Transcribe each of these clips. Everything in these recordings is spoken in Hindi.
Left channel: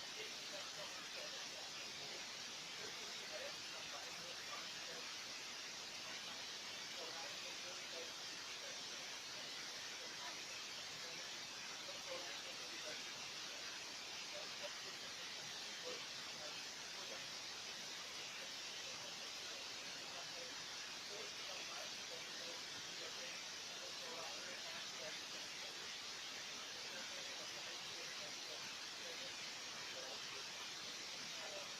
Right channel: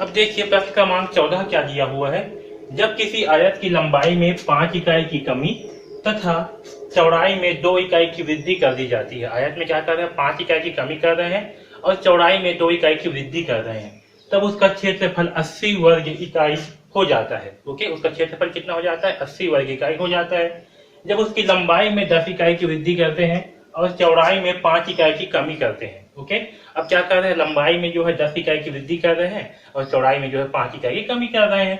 अब देखिए प्रश्न क्रमांक 14 क्या दिया हुआ है। जब किसी आयत की लंबाई में 5 इकाई की कमी तथा चौड़ाई में 2 इकाई की वृद्धि कर दी जाती है। आयत में क्या कर रहे हैं, 5 इकाई की कमी कर रहे हैं और चौड़ाई में 2 इकाई की वृद्धि कर रहे हैं, तब उसका क्षेत्रफल 80 वर्ग इकाई हो जाता है। ओके, उसका क्षेत्रफल कितना हो जाता है, 80 वर्ग इकाई हो जाता है। जब उसकी लंबाई में 10 इकाई की वृद्धि करते हैं और चौड़ाई में 5 इकाई की कमी करते हैं। ओके, अब क्या कर रहे हैं, लंबाई में जो है 10 इकाई की वृद्धि कर रहे हैं और चौड़ाई में जो है 5 इकाई की कमी कर रहे हैं,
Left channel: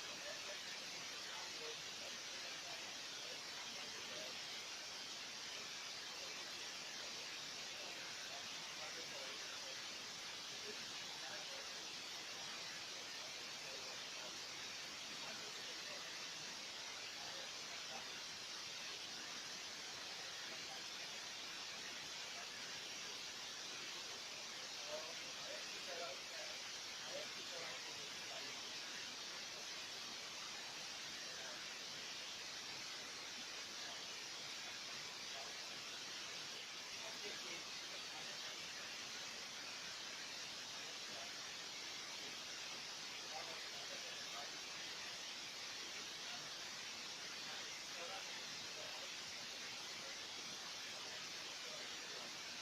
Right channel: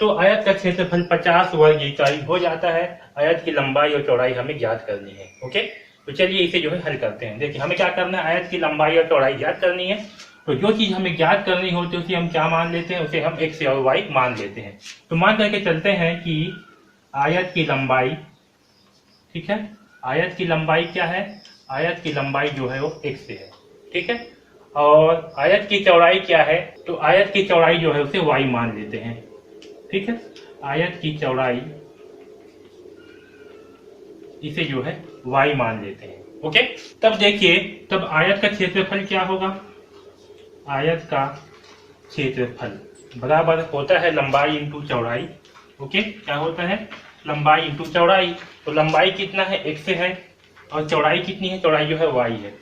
तो आयत का क्षेत्रफल 50 वर्ग इकाई हो जाता है। आयत की लंबाई और चौड़ाई हमें ज्ञात करनी है। ओके, तो चलिए इसे जो है हल करते हैं। देखिए हमें क्या करना है, आयत की लंबाई और चौड़ाई ज्ञात करनी है। तो जो चीज हमें ज्ञात करनी होती है उसे हम क्या मान लेते हैं, उसे हम एक्स और वाई मान लेते हैं। तो मान करके चलते हैं कि आयत की लंबाई, ठीक है, आयत की लंबाई क्या है, आयत की लंबाई जो है वो एक्स है, ठीक है, और आयत की चौड़ाई क्या है, तो आयत की चौड़ाई जो है उसे वाई मान लेते हैं। ठीक है, आयत की चौड़ाई इसे जो है वाई मान लेते हैं। ओके, तब देखिए तब आयत का क्षेत्रफल क्या होगा, आयत का क्षेत्रफल बराबर होता है लंबाई इंटू चौड़ाई। ओके, क्या होता है, लंबाई इंटू चौड़ाई। तो लंबाई कितना है, एक्स है, और चौड़ाई कितनी है, चौड़ाई जो है वाई है।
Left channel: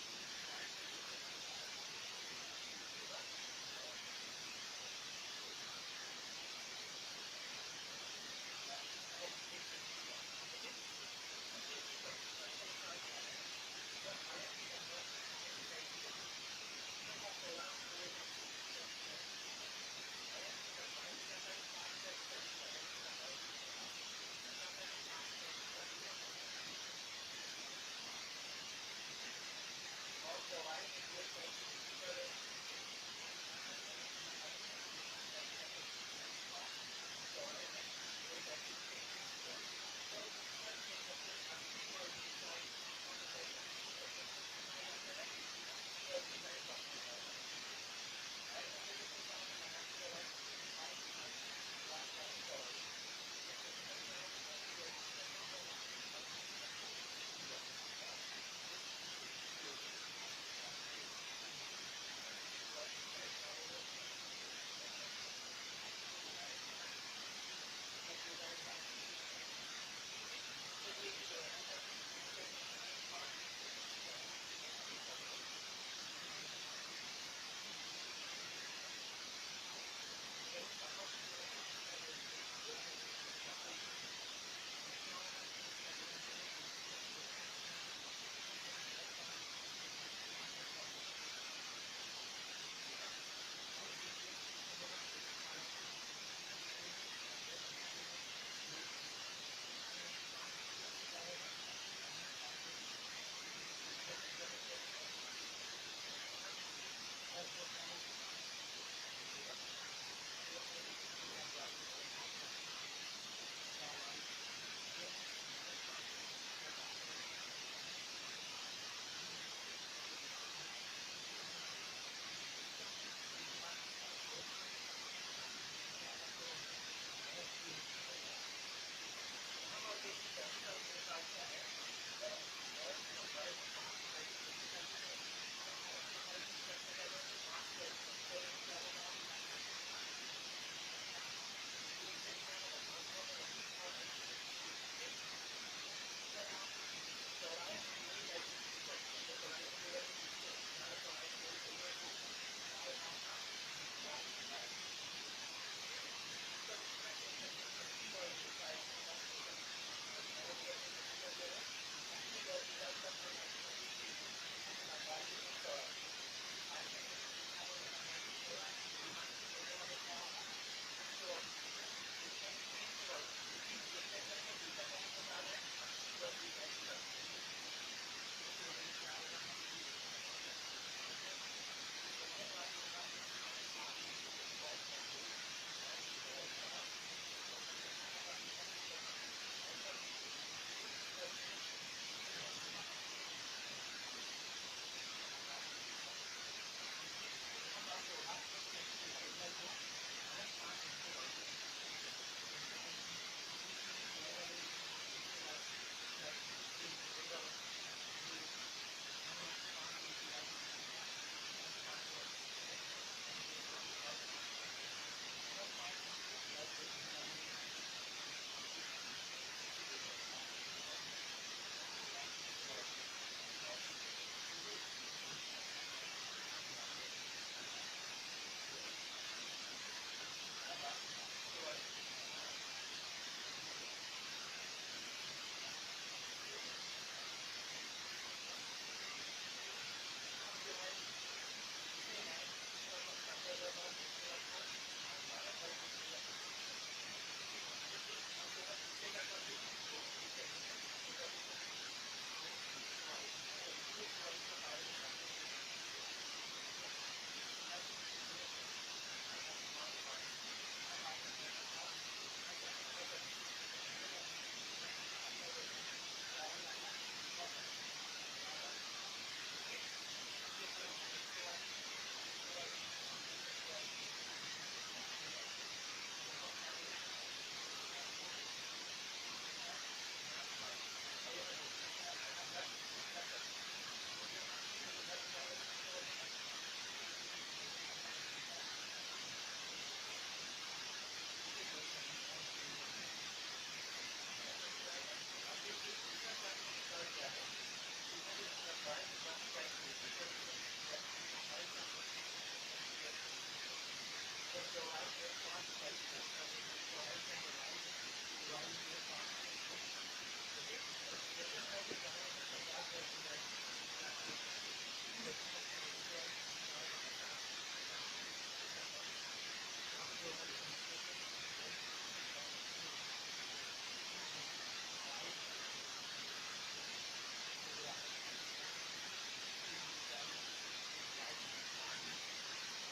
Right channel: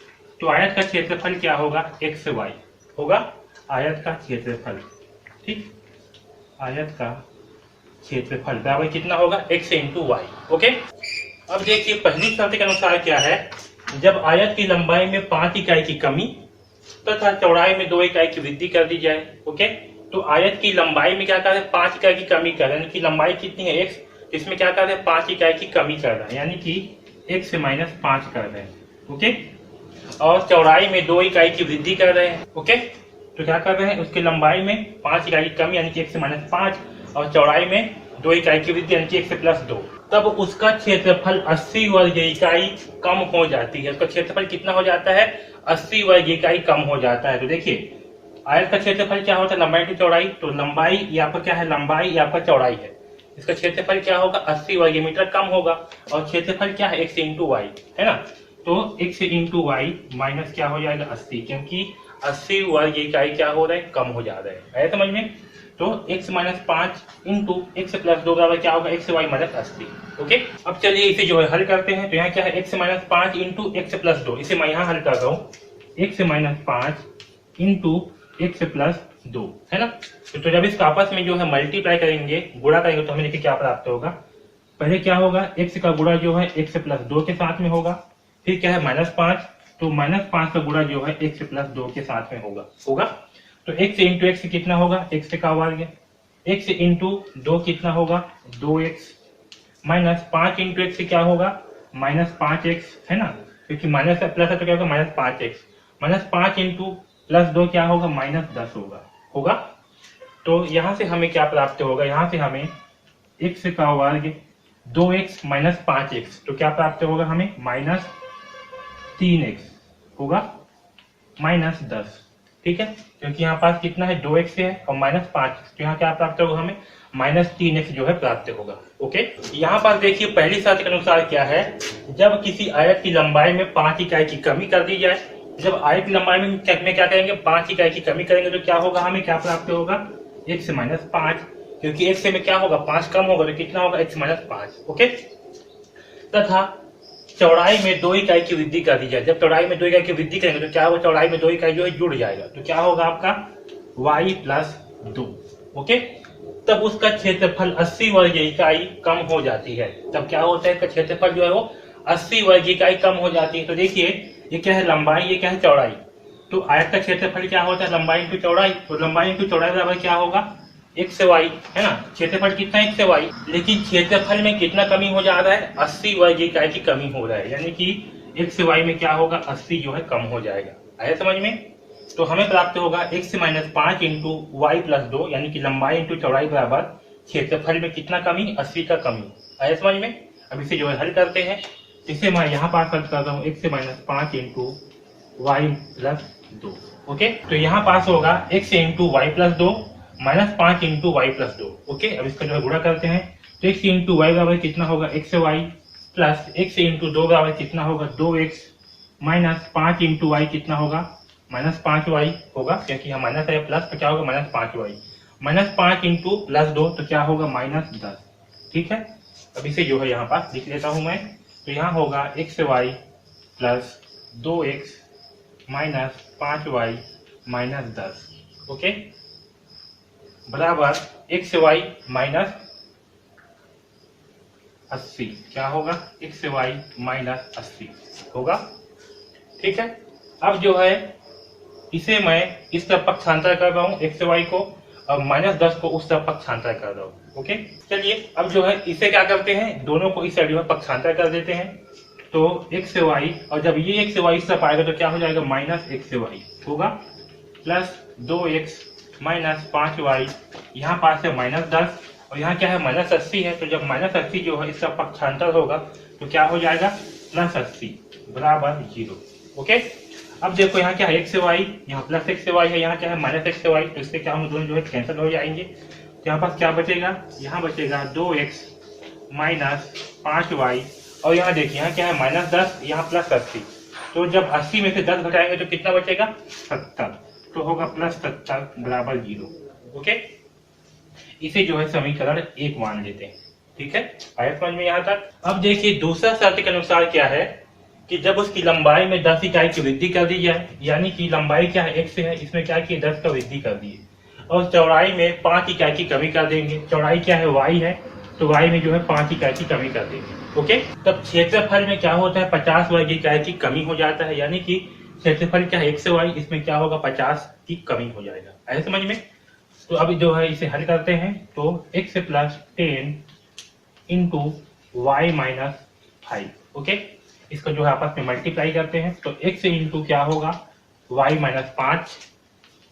तो आयत का क्षेत्रफल क्या होगा, एक्स वाई होगा आयत का क्षेत्रफल। ठीक, आयत का क्षेत्रफल बराबर कितना होगा, एक्स इंटू वाई। ओके, अब देखिए पहली शर्त के अनुसार क्या है, जब आयत की लंबाई में 5 इकाई की कमी तथा चौड़ाई में 2 इकाई की वृद्धि कर दी जाए। ओके, तो आयत की लंबाई में क्या कर रहे हैं, 5 इकाई की कमी कर रहे हैं, कि लंबाई कितनी है एक्स, इसमें क्या कर रहे हैं, 5 इकाई की कमी कर रहे हैं, यानी कि एक्स से -5 कर रहे हैं। ओके, और चौड़ाई में 2 इकाई की वृद्धि कर रहे हैं। ओके, तो क्या कर रहे हैं, उसकी लंबाई में 5 इकाई की कमी यानी कि एक्स से -5 और चौड़ाई में 2 इकाई की वृद्धि यानी कि एक्स से +2, तब उसका क्षेत्रफल 80 वर्ग इकाई कम हो जाती है। उसका क्षेत्रफल कितना हो जाता है, 80 वर्ग इकाई कम हो जाता है। तो देखिए आयत का क्षेत्रफल क्या होता है, लंबाई की चौड़ाई, तो लंबाई ये आपका क्या है, लंबाई ये आपका चौड़ाई है, इसका क्षेत्रफल क्या होगा, 80 वर्ग मीटर कम होगा, और क्षेत्रफल क्या है, एक्स इंटू वाई है ना। तो एक्स इंटू वाई माइनस क्या हो जाएगा, 80, क्योंकि 80 वर्ग इकाई क्या हो रहा है, कम हो जा रहा है। आया समझ में। तो x -5 इंटू एक्स +2 बराबर क्या होगा, एक्स वाई -80। ओके, अब चलिए इसे जो है हल करते हैं। तो यहाँ क्या है, x -5 इंटू एक्स +2, इसे मैं यहाँ हल कर रहा हूँ, x -5 इंटू एक्स +2 है ना। तो जब इसका आपस में जो है मल्टीप्लाई करेंगे, गुणा करेंगे, तो हमें देखिए क्या प्राप्त होगा। पहले क्या होगा, x का गुणा जो है x +2 के साथ में होगा, फिर क्या है -5, तो -5 का गुणा जो है x +2 के साथ में होगा। तो x इंटू एक्स कितना होगा, x का वर्ग, x इंटू 2 कितना होगा, 2x, -5 इंटू एक्स क्या होगा, -5x है ना, क्योंकि माइनस प्लस है तो क्या होगा, -5x, -5 इंटू +2 क्या होगा, -10 होगा। तो यहाँ से हमें क्या प्राप्त होगा, यहाँ से हमें x का वर्ग 2x -5x, तो क्या प्राप्त होगा हमें, -3x होगा, -10। ठीक है, क्योंकि यहाँ पास कितना है, 2x है और -5, तो यहाँ क्या प्राप्त होगा हमें, -3x जो है प्राप्त होगा। ओके, यहाँ पर देखिए पहली शर्त के अनुसार क्या है, जब किसी आयत की लंबाई में 5 इकाई की कमी कर दी जाए, जब आयत की लंबाई में क्या करेंगे, 5 इकाई की कमी करेंगे, तो क्या होगा, हमें क्या प्राप्त होगा, x -5, क्योंकि x में क्या होगा, 5 कम होगा, तो कितना होगा, x -5। ओके, तथा चौड़ाई में 2 इकाई की वृद्धि कर दी जाए। जब चौड़ाई में 2 इकाई की वृद्धि करेंगे तो क्या होगा, चौड़ाई में 2 इकाई जो है जुड़ जाएगा, तो क्या होगा आपका y +2। ओके, तब उसका क्षेत्रफल 80 वर्ग इकाई कम हो जाती है। तब क्या होता है, इसका क्षेत्रफल जो है वो 80 वर्ग इकाई कम हो जाती है। तो देखिए ये क्या है, लंबाई, ये क्या है, चौड़ाई। तो आयत का क्षेत्रफल क्या होता है, लंबाई इंटू चौड़ाई, तो लंबाई इंटू चौड़ाई बराबर क्या होगा, x वाई है ना। क्षेत्रफल कितना है, x वाई, लेकिन क्षेत्रफल में कितना कमी हो जा रहा है, 80 वर्ग इकाई की कमी हो रहा है, यानी कि x वाई में क्या होगा, 80 जो है कम हो जाएगा। आया समझ में। तो हमें प्राप्त होगा x -5 इंटू वाई +2, यानी कि लंबाई इंटू चौड़ाई बराबर क्षेत्रफल में कितना कमी, 80 का कमी। आया समझ में। अब इसे जो है हल करते हैं, इसे मैं यहाँ पास हल कर रहा हूँ, x -5 इंटू वाई +2। ओके, तो यहाँ पास होगा x into y +2 -5 into y +2। Okay, अब इसका जो है गुणा करते हैं, तो x इंटू वाई बराबर कितना होगा, x y, plus x into 2 बराबर कितना होगा, 2x, -5 इंटू वाई कितना होगा, -5y होगा, क्योंकि यहाँ माइनस है प्लस, तो क्या होगा -5y। -5 इंटू +2 तो क्या होगा -10। ठीक है, अब इसे जो है यहाँ पास लिख लेता हूँ मैं। तो यहाँ होगा xy plus 2x minus 5y minus 10, okay, बराबर xy माइनस 80। क्या होगा xy माइनस 80 होगा। ठीक है, अब जो है इसे मैं इस तरफ पक्षांतर कर रहा हूँ xy को, और -10 को उस तरफ पक्षांतर कर रहा हूँ। ओके, चलिए अब जो है इसे क्या करते हैं, दोनों को इस साइड में पक्षांतर कर देते हैं। तो xy, और जब ये xy इस तरफ आएगा तो क्या हो जाएगा -xy होगा, प्लस 2x माइनस 5y, यहाँ पास है -10 और यहाँ क्या है -80 है। तो जब -80 जो है इसका पक्षांतर होगा तो क्या हो जाएगा +80 बराबर 0। ओके, अब देखो यहाँ क्या है xy, यहाँ +xy है, यहाँ क्या है -xy, तो इससे क्या हम दोनों जो है कैंसिल हो जाएंगे। यहाँ पास क्या बचेगा, यहाँ बचेगा 2x माइनस 5y, और यहाँ देखिए यहाँ क्या है -10, यहाँ +80, तो जब 80 में से 10 घटाएंगे तो कितना बचेगा 70, तो होगा +70 बराबर 0। ओके, इसे जो है समीकरण 1 मान लेते हैं। ठीक है, आया समझ में यहाँ तक। अब देखिए दूसरा शर्त के अनुसार क्या है कि जब उसकी लंबाई में 10 इकाई की वृद्धि कर दी जाए, यानी कि लंबाई क्या है x है, इसमें क्या कि 10 का वृद्धि कर दी, और चौड़ाई में 5 इकाई की कमी कर देंगे। चौड़ाई क्या है y है, तो y में जो है 5 इकाई की कमी कर देंगे। ओके, तब क्षेत्रफल में क्या होता है 50 वर्ग इकाई की कमी हो जाता है, यानी कि क्षेत्रफल क्या है xy, इसमें क्या होगा 50 की कमी हो जाएगा। आया समझ में। तो अभी जो है इसे हल करते हैं, तो x plus 10 into y minus 5। Okay, इसको जो है आपस में मल्टीप्लाई करते हैं, तो x इंटू क्या होगा y माइनस 5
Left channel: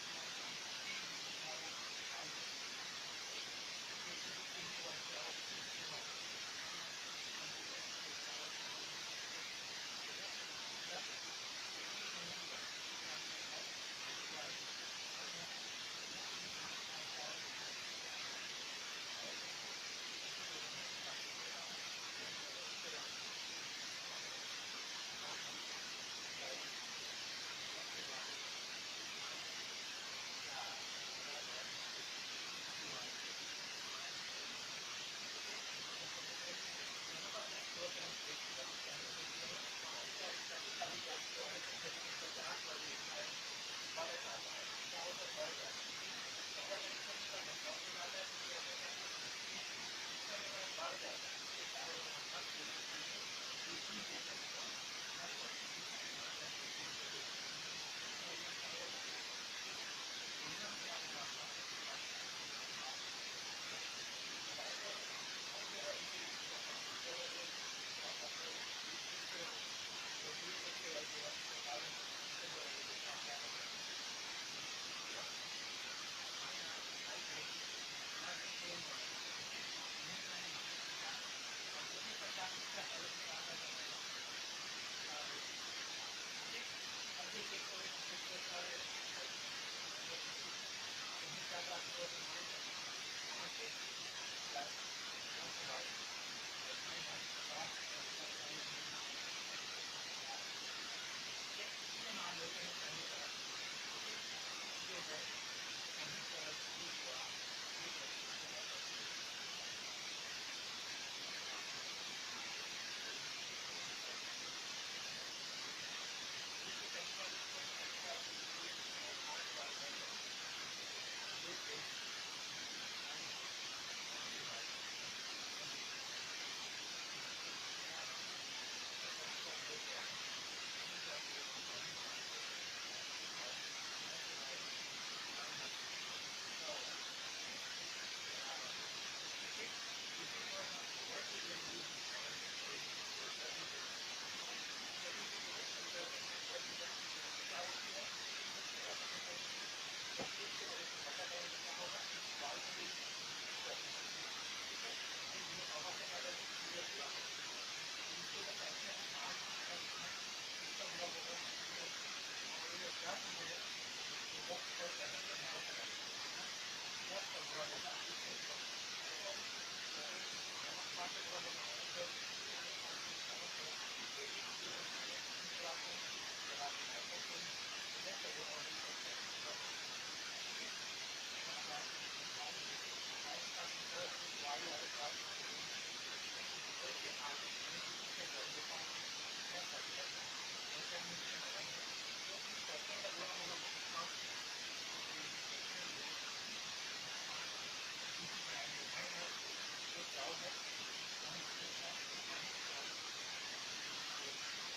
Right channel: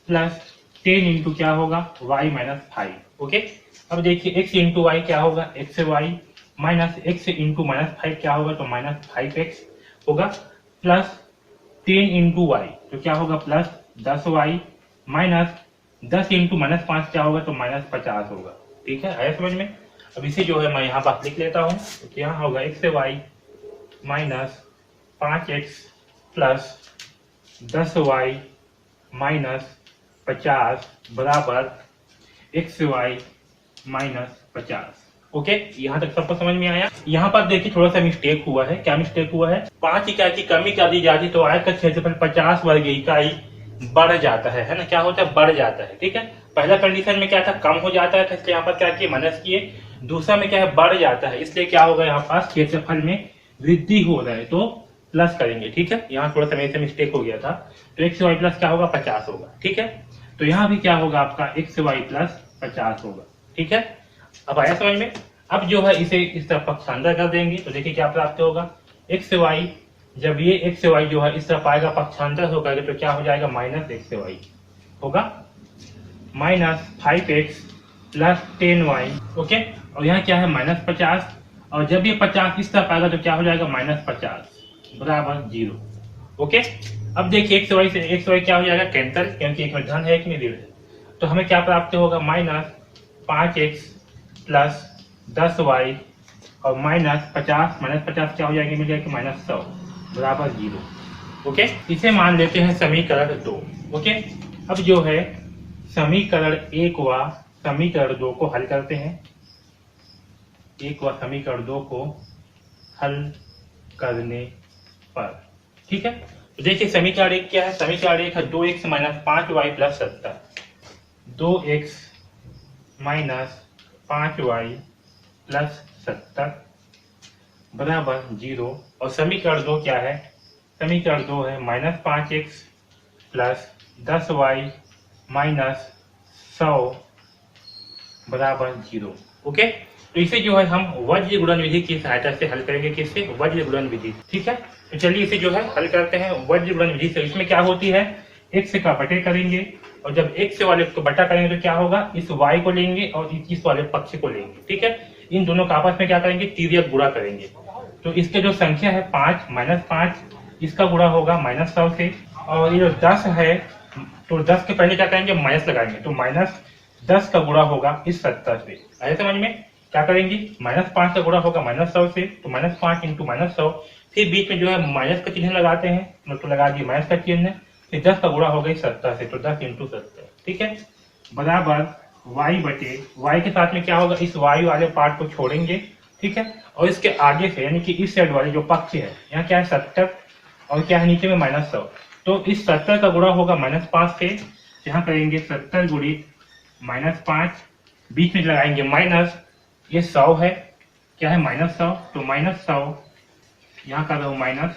प्लस 10 इंटू क्या होगा y माइनस 5। ओके, अब देखिए x इंटू वाई क्या होगा xy माइनस x इंटू -5 क्या होगा, तो -5x होगा, प्लस 10 इंटू वाई तो क्या होगा +10y, माइनस 10 इंटू -5 क्या होगा, तो -50 होगा। ठीक है, आया समझ में। अब इसे जो है मैं यहाँ पास लिख लेता हूँ, तो यहाँ होगा xy minus 5x plus 10y minus 50 बराबर xy माइनस 50। ओके, यहाँ तक सबको समझ में आया। यहाँ पर देखिए थोड़ा सा मिस्टेक हुआ है। क्या मिस्टेक हुआ है, 5 इकाई की कमी कर दी जाती तो आयत का क्षेत्रफल 50 वर्ग इकाई बढ़ जाता है ना, क्या होता है बढ़ जाता है। ठीक है, पहला कंडीशन में क्या था कम हो जाता है, इसलिए यहाँ पर क्या किए माइनस किए। दूसरा में क्या है बढ़ जाता है, इसलिए क्या होगा यहाँ पास क्षेत्रफल में वृद्धि हो रहा है तो प्लस करेंगे। ठीक है, यहाँ थोड़ा सा मेरे से मिस्टेक हो गया था, तो एक्स वाई प्लस क्या होगा 50 होगा। ठीक है, तो यहाँ भी क्या होगा आपका एक्स वाई प्लस 50 होगा। ठीक है, अब आया समझ में। अब जो है इसे इस तरफ पक्षांतर कर देंगे, तो देखिए क्या प्राप्त होगा एक्स वाई, जब ये एक्स वाई जो है इस तरफ आएगा पक्षांतर होकर तो क्या हो जाएगा माइनस एक्स वाई होगा, minus 5x plus 10y। Okay, और यहाँ क्या है -50, और जब ये 50 इस तरफ आएगा तो क्या हो जाएगा -50 बराबर 0। ओके, अब देखिए एक्स वाई से एक्स वाई क्या हो जाएगा कैंसल, क्योंकि एक में धन है एक में ऋण है, तो हमें क्या प्राप्त होगा -5x प्लस 10y और -50 क्या हो जाएंगे मिल जाएगी -100 बराबर 0। ओके, इसे मान लेते हैं समीकरण 2। ओके, अब जो है समीकरण 1 व समीकरण 2 को हल करते हैं। 1 व समीकरण 2 को हल करने पर, ठीक है, तो देखिए समीकरण 1 क्या है, समीकरण 1 है 2x minus 5y plus 70, 2x minus 5y plus 70 बराबर 0। और समीकरण 2 क्या है, समीकरण 2 है -5x प्लस 10y माइनस 100 बराबर 0। ओके, तो इसे जो है हम वज्र गुणन विधि की सहायता से हल करेंगे। किससे, वज्र गुणन विधि। ठीक है, तो चलिए इसे जो है हल करते हैं वज्र गुणन विधि से। इसमें क्या होती है x का बटे करेंगे, और जब x वाले को बटा करेंगे तो क्या होगा इस y को लेंगे और इस वाले पक्ष को लेंगे। ठीक है, इन दोनों का आपस में क्या करेंगे तिर्यक गुणा करेंगे, तो इसके जो संख्या है 5 -5 इसका गुणा होगा -100 से, और ये जो 10 है तो 10 के पहले क्या करेंगे माइनस लगाएंगे, तो -10 का गुणा होगा इस 70 से। आया समझ में, क्या करेंगे -5 का गुणा होगा -100 से, तो -5 इंटू -100, फिर बीच में जो है माइनस का चिन्ह लगाते हैं, मतलब लगा दिए माइनस का चिन्ह, फिर 10 का गुणा होगा 70 से, तो 10 इंटू 70, ठीक है, बराबर y बटे y के साथ में क्या होगा, इस y वाले पार्ट को छोड़ेंगे, ठीक है, और इसके आगे से यानी कि इस साइड वाले जो पक्ष है, यहाँ क्या है 70 और क्या है नीचे में -100, तो इस 70 का गुणा होगा -5 से, यहाँ करेंगे 70 गुणित -5, बीच में लगाएंगे माइनस, ये 100 है, क्या है -100, तो -100 यहाँ कर रहा हूँ माइनस,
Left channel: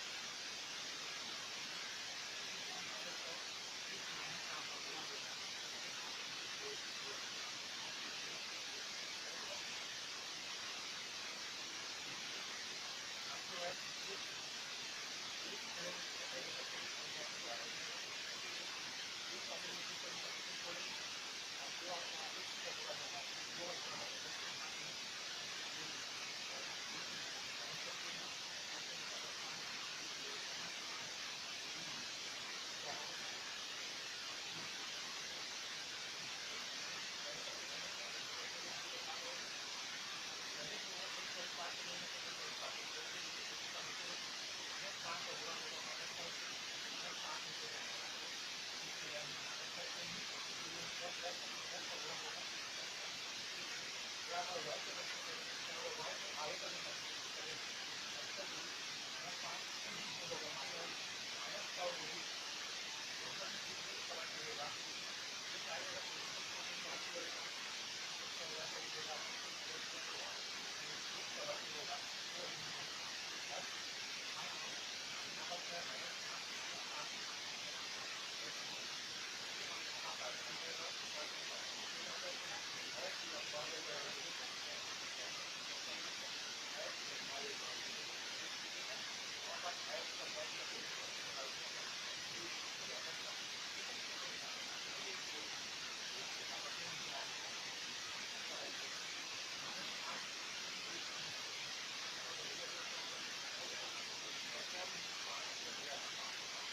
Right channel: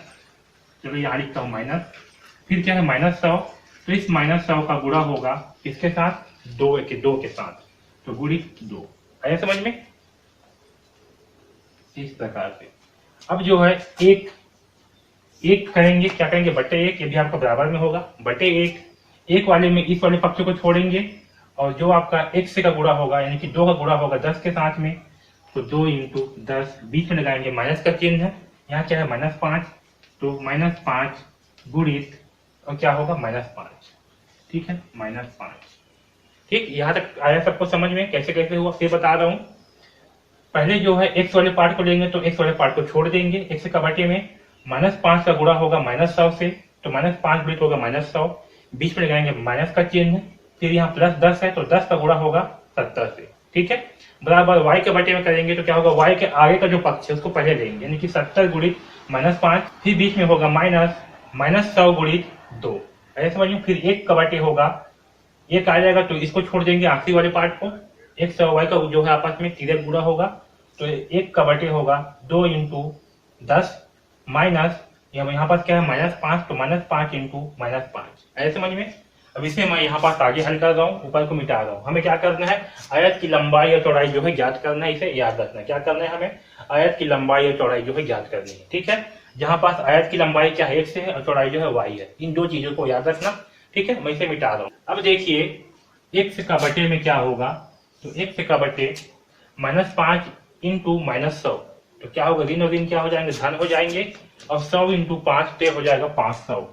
चलो यहाँ लिखता हूँ माइनस, फिर क्या है -100, तो इस -100 का गुणा होगा किसके साथ, 2 के साथ, तो गुणित 2, आया समझ में, इस प्रकार से। अब जो है एक करेंगे, क्या करेंगे, बटे 1, ये भी आपका बराबर में होगा, बटे 1 वाले में इस वाले पक्ष को छोड़ेंगे, और जो आपका x से का गुणा होगा यानी कि 2 का गुणा होगा 10 के साथ में, तो 2 इंटू 10, बीच में लगाएंगे माइनस का चिन्ह है, यहाँ क्या है -5, तो -5 गुणित और क्या होगा -5, ठीक है, -5, ठीक, यहाँ तक आया सबको समझ में, कैसे कैसे हुआ फिर बता रहा हूँ। पहले जो है x वाले पार्ट को लेंगे, तो x वाले पार्ट को छोड़ देंगे, x का बटे में -5 का गुणा होगा -100 से, तो -5 गुणित होगा -100, बीच में लगाएंगे माइनस का चिन्ह, फिर यहाँ +10 है, तो 10 का गुणा होगा 70 से, ठीक है, बराबर y के बटे में करेंगे, तो क्या होगा, y के आगे का जो पक्ष है उसको पहले लेंगे, यानी कि 70 गुणित -5, फिर बीच में होगा -100 गुणित 2, ऐसे समझिए, फिर 1 का बटे होगा, 1 आ जाएगा तो इसको छोड़ देंगे आखिरी वाले पार्ट को, 100 y का जो है आपस में सीधे गुणा होगा, तो 1 का बटे होगा 2 इंटू 10 माइनस, यहाँ पर क्या है -5, तो -5 इंटू -5, ऐसे समझ में। अब इसे मैं यहाँ पास आगे हल कर रहा हूँ, ऊपर को मिटा रहा हूँ, हमें क्या करना है, आयत की लंबाई और चौड़ाई जो है ज्ञात करना है, इसे याद रखना है, क्या करना है हमें, आयत की लंबाई और चौड़ाई जो है ज्ञात करनी है, ठीक है, जहाँ पास आयत की लंबाई क्या है, x है, और चौड़ाई जो है y है, इन दो चीजों को याद रखना, ठीक है, मैं इसे मिटा रहा हूँ। अब देखिए x का बटे में क्या होगा, तो x का बटे -5 इंटू -100, तो क्या होगा, ऋण और ऋण क्या हो जाएंगे, धन हो जाएंगे, और 100 इंटू 5 पे हो जाएगा 500,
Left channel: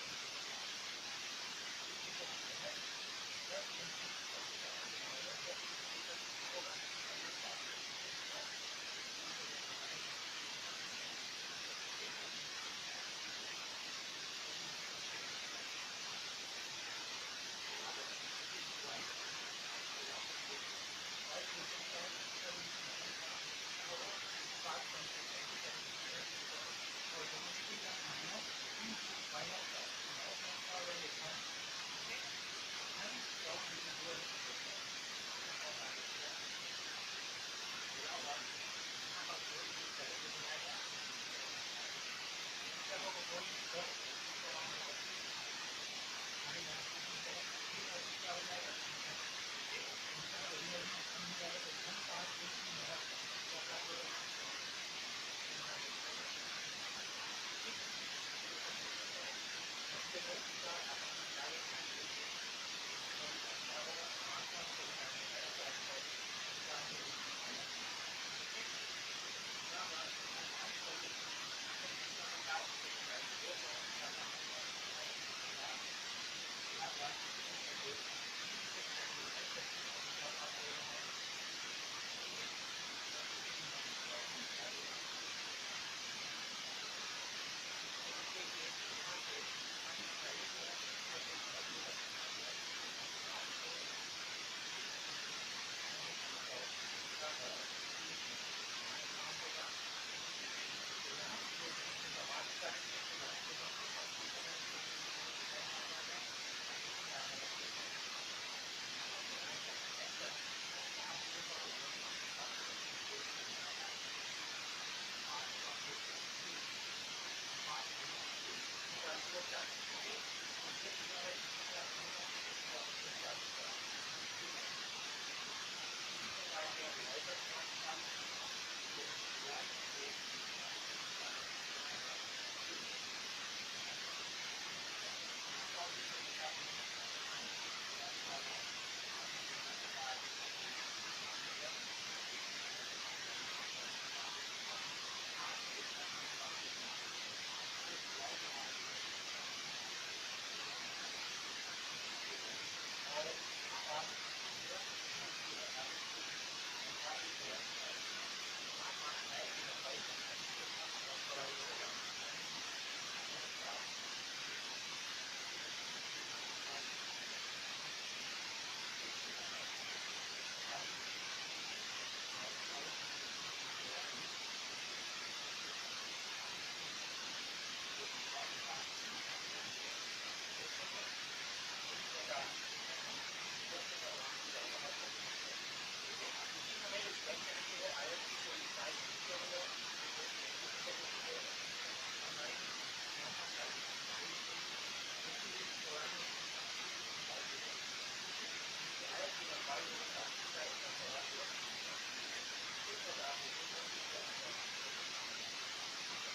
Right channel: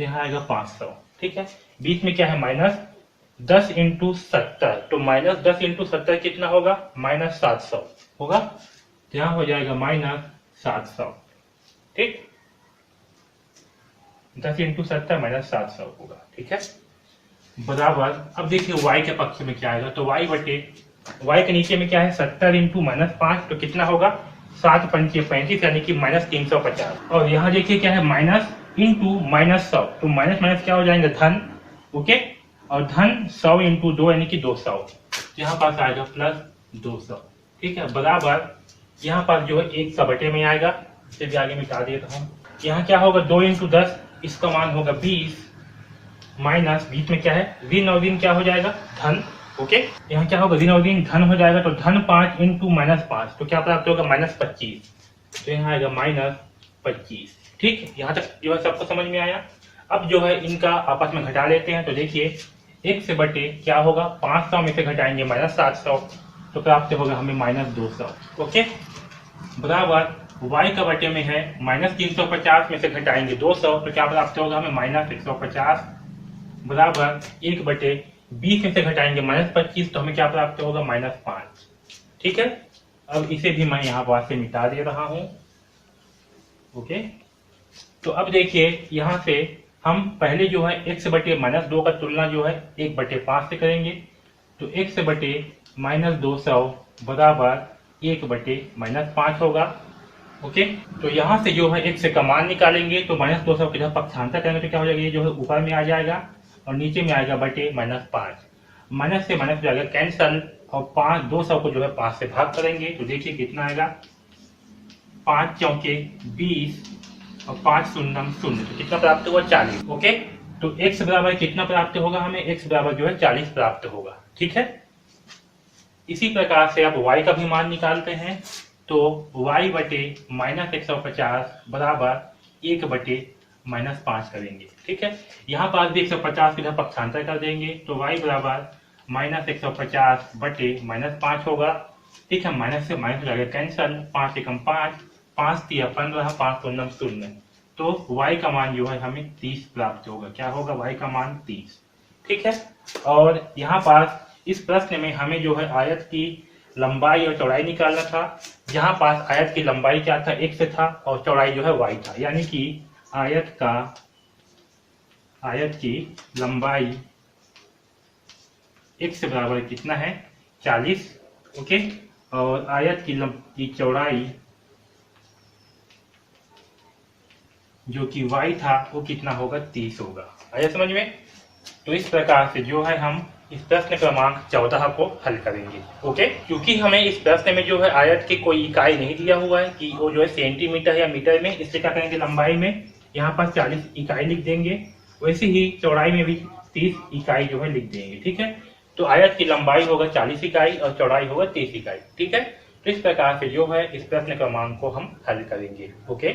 यहाँ आएगा 500, ठीक है, बीच में क्या है -10 इंटू 70, तो -10 इंटू 70 कितना होगा, -700 होगा, यहाँ हो जाएगा -700, ठीक, 10 इंटू 70 -700 होगा, ठीक है, बराबर। अब देखिए y के पक्ष में क्या आएगा, तो y बटे y के नीचे में क्या है 70 इंटू -5, तो कितना होगा, 7 पंचे 35, यानी कि -350, और यहाँ देखिए क्या है माइनस इंटू -100, तो माइनस माइनस क्या हो जाएंगे, धन, ओके, और धन 100 इंटू 2 यानी कि 200, यहाँ पास आएगा +200, ठीक है, बराबर यहाँ पास जो है 1 का बटे में आएगा, इसे भी आगे मिटा देता हूँ, यहाँ क्या होगा 2 इंटू 10, इसका मान होगा 20, माइनस बीच में क्या है, ऋण और ऋण क्या हो जाएगा, धन, ओके, यहाँ क्या होगा, ऋण और ऋण धन हो जाएगा, तो धन 5 इंटू -5, तो क्या प्राप्त होगा, -25, तो यहाँ आएगा -25, ठीक, यहाँ तक जो है सबको समझ में आया। अब जो है इनका आपस में घटा लेते हैं, तो देखिए 1 से बटे क्या होगा, 500 में से घटाएंगे -700, तो प्राप्त होगा हमें -200, ओके, बराबर y का बटे में है -350 में से घटाएंगे 200, तो क्या प्राप्त होगा हमें -150, बराबर 1 बटे 20 में से घटाएंगे -25, तो हमें क्या प्राप्त होगा, -5, ठीक है। अब इसे भी मैं यहाँ पास से निकाल दे रहा हूँ, ओके, तो अब देखिए यहाँ से हम पहले जो है x बटे -2 का तुलना जो है 1 बटे 5 से करेंगे, तो x बटे -200 बराबर 1 बटे -5 होगा, ओके, तो यहाँ से जो है x का मान निकालेंगे, तो -200 के जब पक्षांतर करेंगे तो क्या हो जाएगा, ये जो है ऊपर में आ जाएगा और नीचे में आएगा बटे -5, माइनस से माइनस जाएगा कैंसल, और 200 को जो है 5 से भाग करेंगे, तो देखिए कितना आएगा, 5 चौके 20 और 5 शून्यम 0, तो कितना प्राप्त हुआ, 40, ओके, तो x बराबर कितना प्राप्त होगा हमें, x बराबर जो है 40 प्राप्त होगा, ठीक है। इसी प्रकार से आप y का भी मान निकालते हैं, तो y बटे -150 बराबर 1 बटे -5 करेंगे, ठीक है, यहाँ पास भी 150 इधर पक्षांतर कर देंगे, तो y बराबर -150 बटे -5 होगा, ठीक है, माइनस से माइनस जाएगा कैंसल, 5 एकम 5, 5 3 15, 5 शून्यम 0, तो y का मान जो है हमें 30 प्राप्त होगा, क्या होगा, y का मान 30, ठीक है। और यहाँ पास इस प्रश्न में हमें जो है आयत की लंबाई और चौड़ाई निकालना था, यहाँ पास आयत की लंबाई क्या था, x था, और चौड़ाई जो है y था, यानी कि आयत का आयत की लंबाई x बराबर कितना है 40, ओके, और आयत की चौड़ाई जो कि y था वो कितना होगा 30 होगा। आया समझ में। तो इस प्रकार से जो है हम इस प्रश्न क्रमांक 14 को हल करेंगे। ओके, क्योंकि हमें इस प्रश्न में जो है आयत की कोई इकाई नहीं दिया हुआ है कि वो जो है सेंटीमीटर या मीटर में, इससे क्या करेंगे लंबाई में यहाँ पर 40 इकाई लिख देंगे, वैसे ही चौड़ाई में भी 30 इकाई जो है लिख देंगे। ठीक है, तो आयत की लंबाई होगा 40 इकाई और चौड़ाई होगा 30 इकाई। ठीक है, इस प्रकार से जो है इस प्रश्न क्रमांक को हम हल करेंगे। ओके।